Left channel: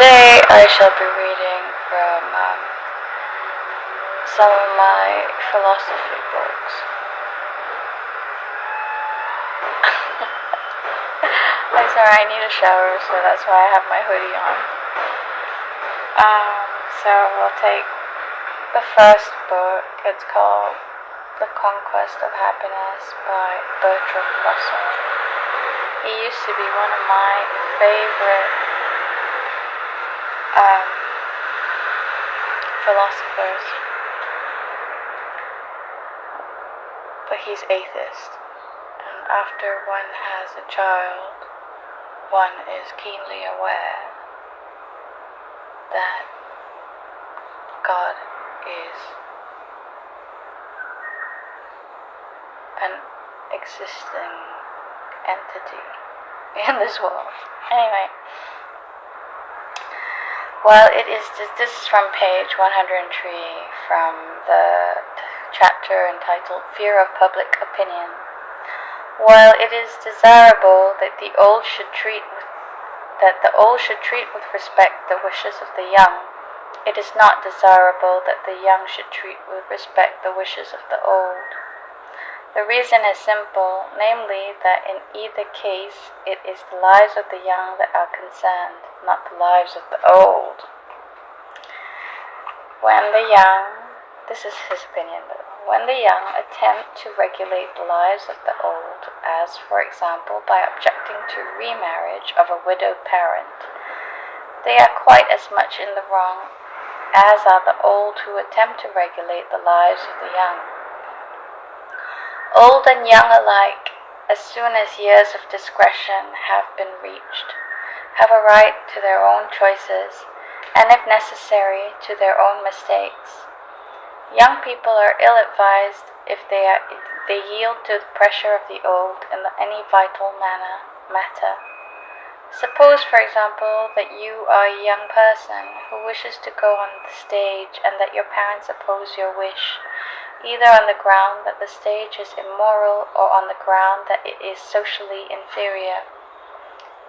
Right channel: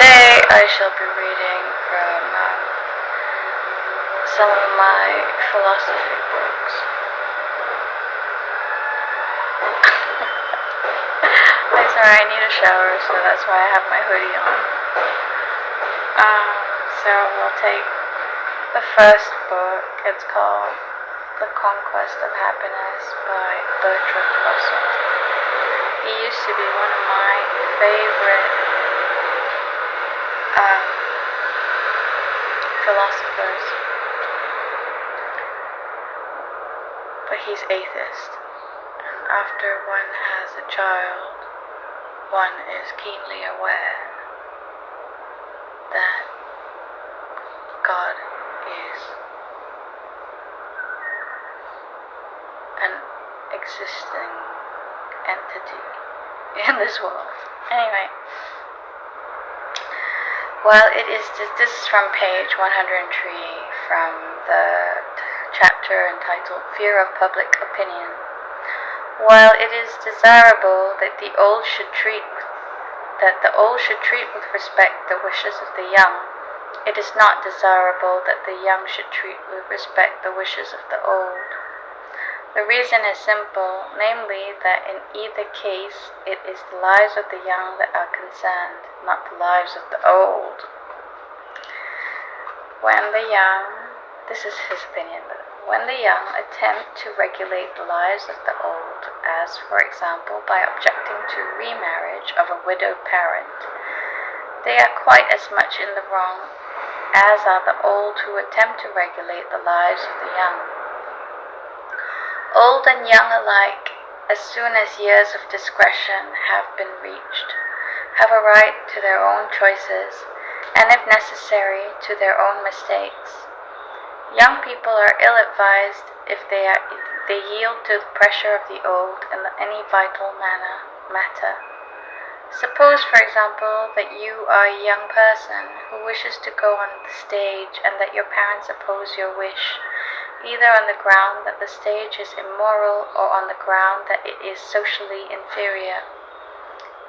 Today I shall be reading from some of my philosophy books. I'm sorry, I need a shower, so that's why I have my hoodie on. So we'll take the first book. It's called The Conquest of Happiness by Bertrand Russell. He used to be one of my favorite philosophers, but he's atheist, and after one has a child, one is keenly aware that God is an existing entity in this world. Anyway, well, this is from page 103 from the chapter entitled Fear of Public Opinion. While it is desirable that the old should treat with respect the wishes of the young, it is not desirable that the young should treat with respect the wishes of the old. The reason is simple, namely that in either case it is the lives of the young that are concerned, not the lives of the old. When the young, this is his opinion, but when the young attempt to regulate the lives of the old, as for example by objecting to remarriage of a widowed parent, they are quite as much in the wrong as are the old who attempt to regulate the lives of the young. Old and young alike, as soon as years of discretion have been reached, have a right to their own choices, and if necessary, to their own mistakes. Young people are ill-advised if they yield to the pressure of the old in any vital matter. Suppose, for example, that you are a young person who wishes to go on the stage and that your parents oppose your wish, either on the ground that the stage is immoral or on the ground that it is socially inferior.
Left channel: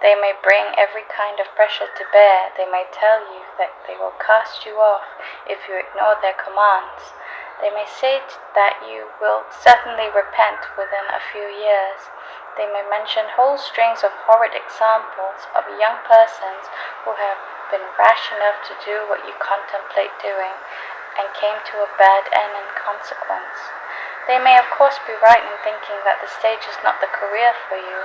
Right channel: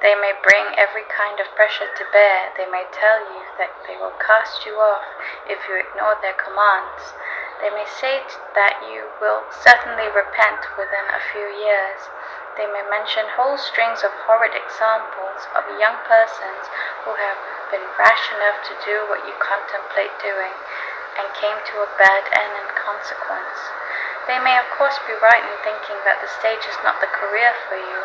They may bring every kind of pressure to bear. They may tell you that they will cast you off if you ignore their commands. They may say that you will certainly repent within a few years. They may mention whole strings of horrid examples of young persons who have been rash enough to do what you contemplate doing, and came to a bad end in consequence. They may of course be right in thinking that the stage is not the career for you.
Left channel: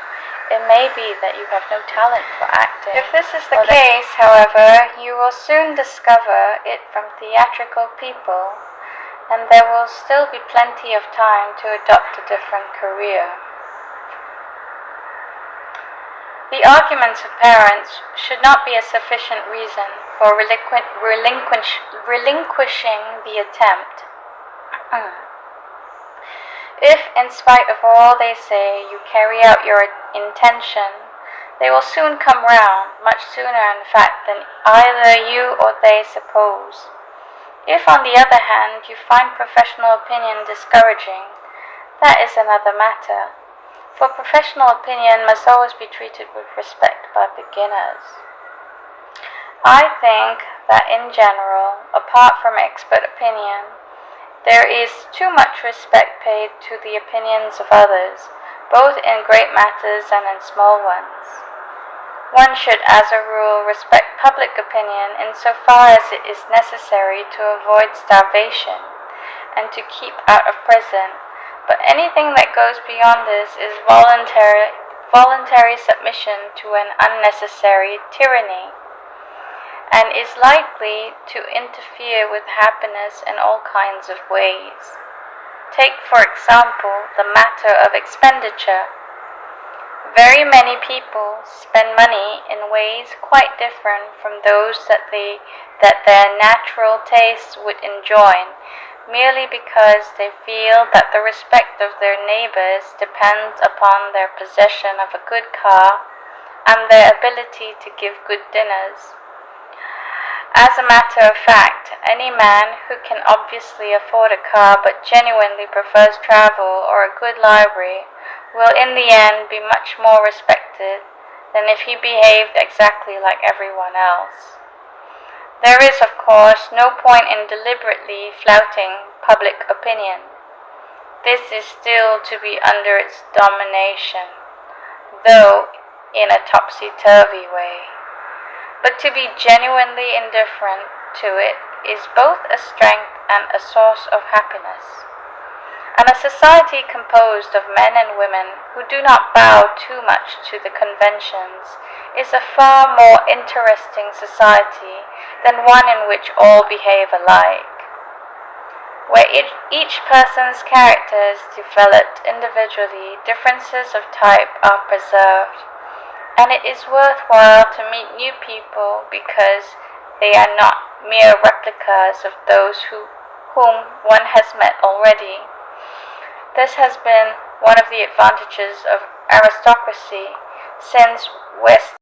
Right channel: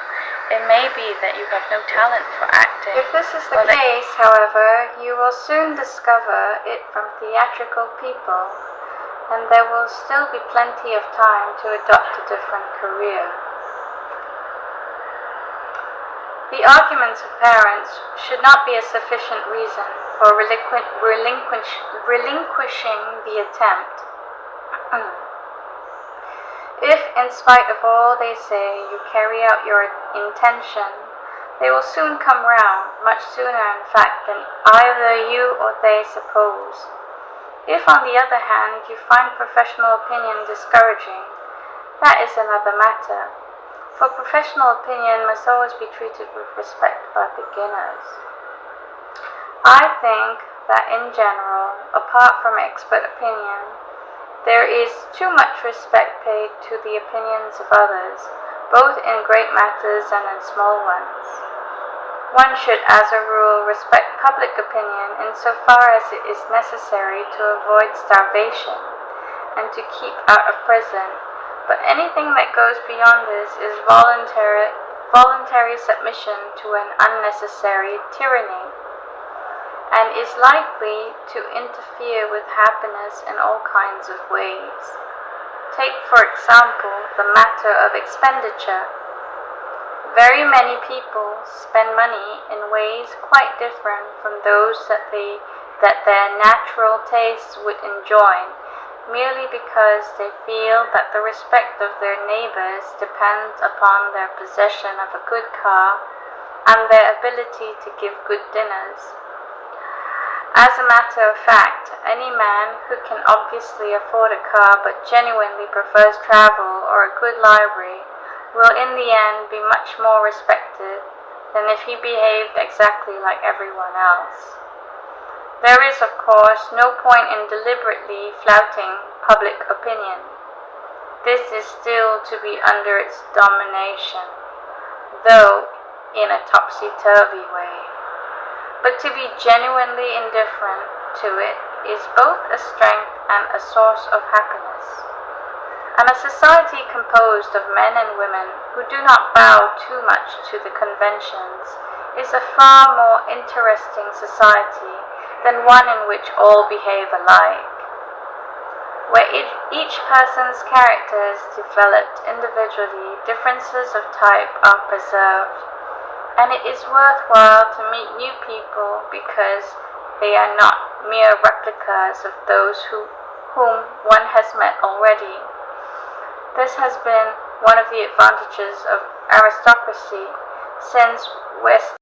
It may be that you have no talent for acting. If this is the case, however, you will soon discover it from theatrical people, and there will still be plenty of time to adopt a different career. The arguments of parents should not be a sufficient reason for relinquishing the attempt. If, in spite of all they say, you carry out your intention, they will soon come round, much sooner in fact than either you or they suppose. If, on the other hand, you find professional opinion discouraging, that is another matter. For professional opinion must always be treated with respect by beginners. I think that in general, apart from expert opinion, there is too much respect paid to the opinions of others, both in great matters and in small ones. One should, as a rule, respect public opinion insofar as it is necessary to avoid starvation and to keep out of prison. But anything that goes beyond this is voluntary submission to an unnecessary tyranny, and is likely to interfere with happiness in all kinds of ways. Take, for example, the matter of expenditure. Very many people spend money in ways quite different from those that their natural tastes would enjoin, merely because they feel that the respect of their neighbors depends upon their possession of a good car and their ability to give good dinners. As a matter of fact, any man who can obviously afford a car but genuinely prefers travel or a good library will in the end be much more respected than if he behaved exactly like everyone else. There is, of course, no point in deliberately flouting public opinion. This is still to be under its domination, though in a topsy-turvy way. But to be genuinely indifferent to it is both a strength and a source of happiness. And a society composed of men and women who do not bow too much to the conventions is a far more interesting society than one in which all behave alike, where each person's character is developed individually, differences of type are preserved, and it is worthwhile to meet new people because they are not mere replicas of those whom one has met already. This has been one of the advantages of aristocracy, since West